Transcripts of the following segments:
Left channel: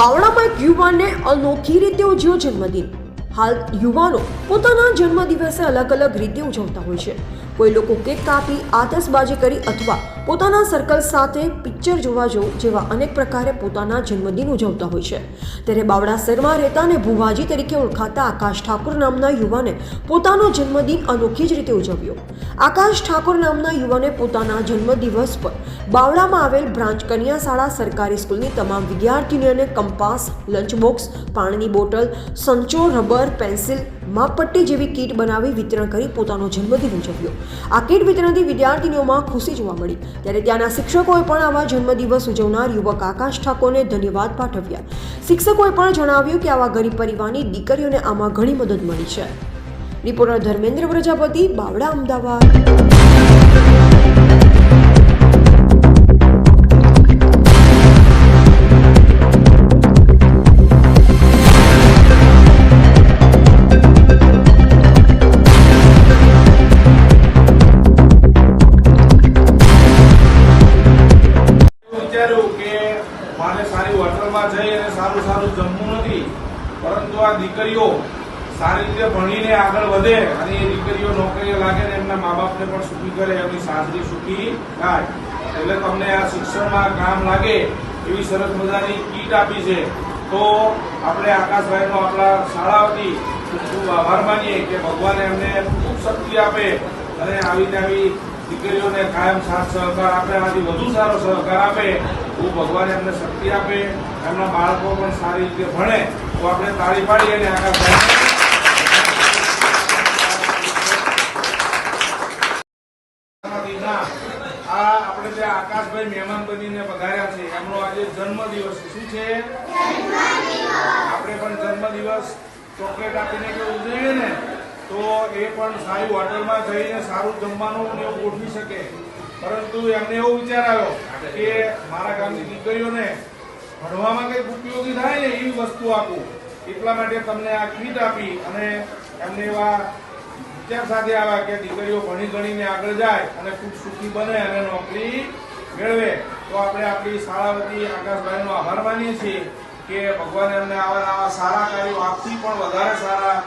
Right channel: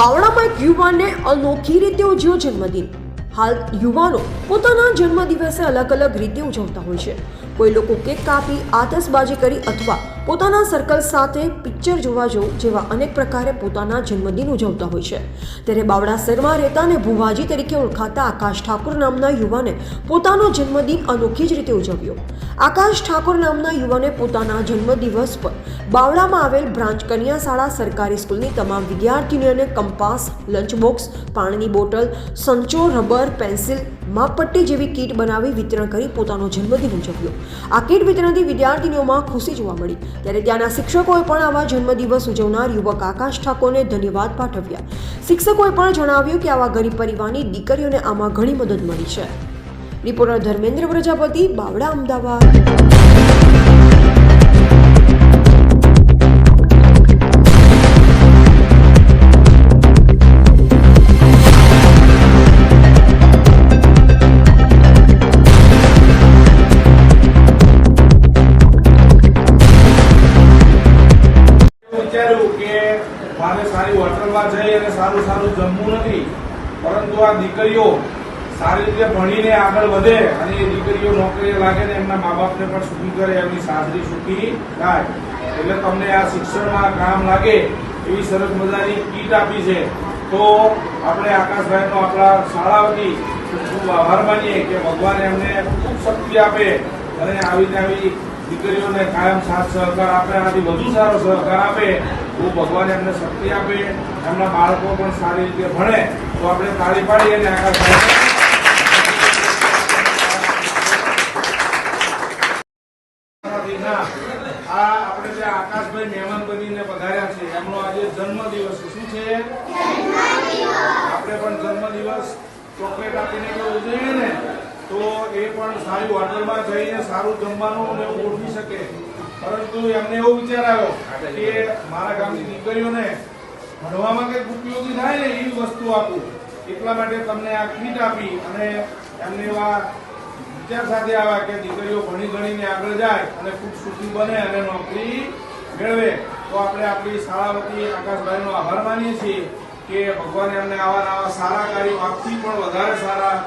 બાવળામાં એક યુવાનને અનોખી રીતે ઉજવ્યો જન્મદિન। હાલ યુવાનો પોતાના જન્મદિવસે અલગ અલગ રીતે ઉજવતા હોય છે। કોઈ લોકો કેક કાપી આતશબાજી કરી અથવા પોતાના સર્કલ સાથે પિક્ચર જોવા જવું જેવા અનેક પ્રકારે પોતાના જન્મદિન ઉજવતા હોય છે। ત્યારે બાવળા શહેરમાં રહેતા અને ભુવાજી તરીકે ઓળખાતા આકાશ ઠાકોર નામના યુવાને પોતાનો જન્મદિન અનોખી જ રીતે ઉજવ્યો। આકાશ ઠાકોર નામના યુવાને પોતાના જન્મદિવસ પર બાવળામાં આવેલ બ્રાન્ચ કન્યા શાળા સરકારી સ્કૂલની તમામ વિદ્યાર્થીનીઓને કંપાસ, લંચ બોક્સ, પાણીની બોટલ, સંચો, રબર, પેન્સિલ, માપપટ્ટી જેવી કીટ બનાવી વિતરણ કરી પોતાનો જન્મદિન ઉજવ્યો। આ કીટ વિતરણથી વિદ્યાર્થીનીઓમાં ખુશી જોવા મળી। ત્યારે ત્યાંના શિક્ષકોએ પણ આવા જન્મદિવસ ઉજવનાર યુવક આકાશ ઠાકોરને ધન્યવાદ પાઠવ્યા। શિક્ષકોએ પણ જણાવ્યું કે આવા ગરીબ પરિવારની દીકરીઓને આમાં ઘણી મદદ મળી છે। રિપોર્ટર ધર્મેન્દ્ર પ્રજાપતિ, બાવળા, અમદાવાદ। મારે સારી હોટલમાં જઈ અને સારું સારું જમવું નથી, પરંતુ આ દીકરીઓ સારી રીતે ભણીને આગળ વધે અને એ દીકરીઓ નોકરીએ લાગે ને એમના મા બાપને પણ સુખી કરે, એમની સાસરી સુખી થાય। એટલે તમને આ શિક્ષણમાં કામ લાગે એવી સરસ મજાની કીટ આપી છે। તો આપણે આકાશભાઈનો આપણા શાળા વતી ખૂબ આભાર માનીએ કે ભગવાન એમને ખૂબ શક્તિ આપે અને આવી દીકરીઓને કાયમ સાથ સહકાર આપે, આનાથી વધુ સારો સહકાર આપે તો ભગવાન એમને શક્તિ આપે, એમના બાળકો પણ સારી રીતે ભણે। તો આપણે તાળી પાડીએ અને આકાશભાઈ આ આપણે જે આકાશભાઈ મહેમાન બનીને પધાર્યા છે એમનો આજે જન્મદિવસ શું છે? આપણે પણ જન્મદિવસ ચોકલેટ આપીને ઉજવીએ ને તો એ પણ સારી હોટલમાં જઈને સારું જમવાનું ગોઠવી શકે, પરંતુ એમને એવો વિચાર આવ્યો કે મારા ગામની દીકરીઓને ભણવામાં કંઈક ઉપયોગી થાય ને એવી વસ્તુ આપું, એટલા માટે તમને આ કીટ આપી અને એમને એવા વિચાર સાથે આવ્યા કે દીકરીઓ ભણી ગણીને આગળ જાય અને ખૂબ સુખી બને અને નોકરી મેળવે। તો આપણે આપણી શાળા વતી આકાશભાઈનો આભાર માનીએ છીએ કે ભગવાન એમને આવા સારા કાર્યો આપથી પણ વધારે સારા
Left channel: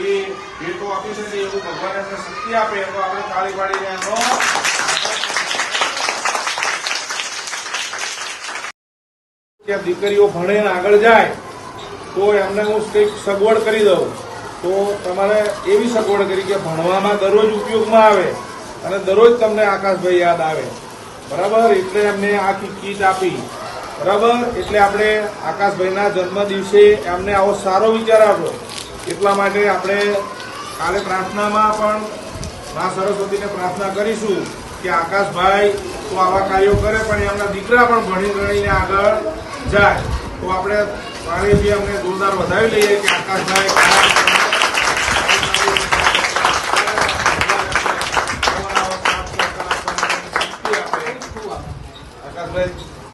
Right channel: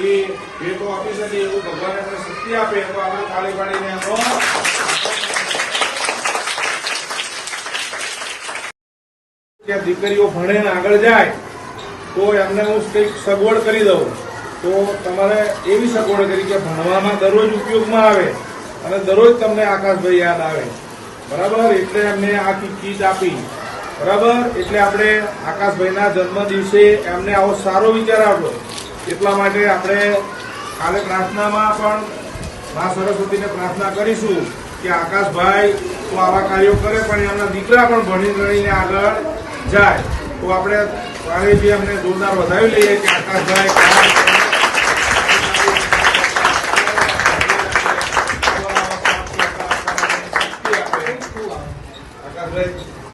એ ભેટો આપી શકે એવું ભગવાન એમને શક્તિ આપે। તો આપણે તાળી પાડીને એનો દીકરીઓ ભણે આગળ જાય તો એમને હું કંઈક સગવડ કરી દઉં। તો તમારે એવી સગવડ કરી કે ભણવામાં દરરોજ ઉપયોગમાં આવે અને દરરોજ તમને આકાશભાઈ યાદ આવે, બરાબર? એટલે એમને આખી કીટ આપી, બરાબર? એટલે આપણે આકાશભાઈના જન્મ દિવસે એમને આવો સારો વિચાર આવ્યો, એટલા માટે આપણે કાલે પ્રાર્થનામાં પણ મા સરસ્વતીને પ્રાર્થના કરીશું કે આકાશભાઈ તો આવા કાર્યો કરે પણ એમના દીકરા પણ ભણી ગણીને આગળ જાય। તો આપણે કાલે જે અમને જોરદાર વધાવી લઈએ કે આકાશભાઈ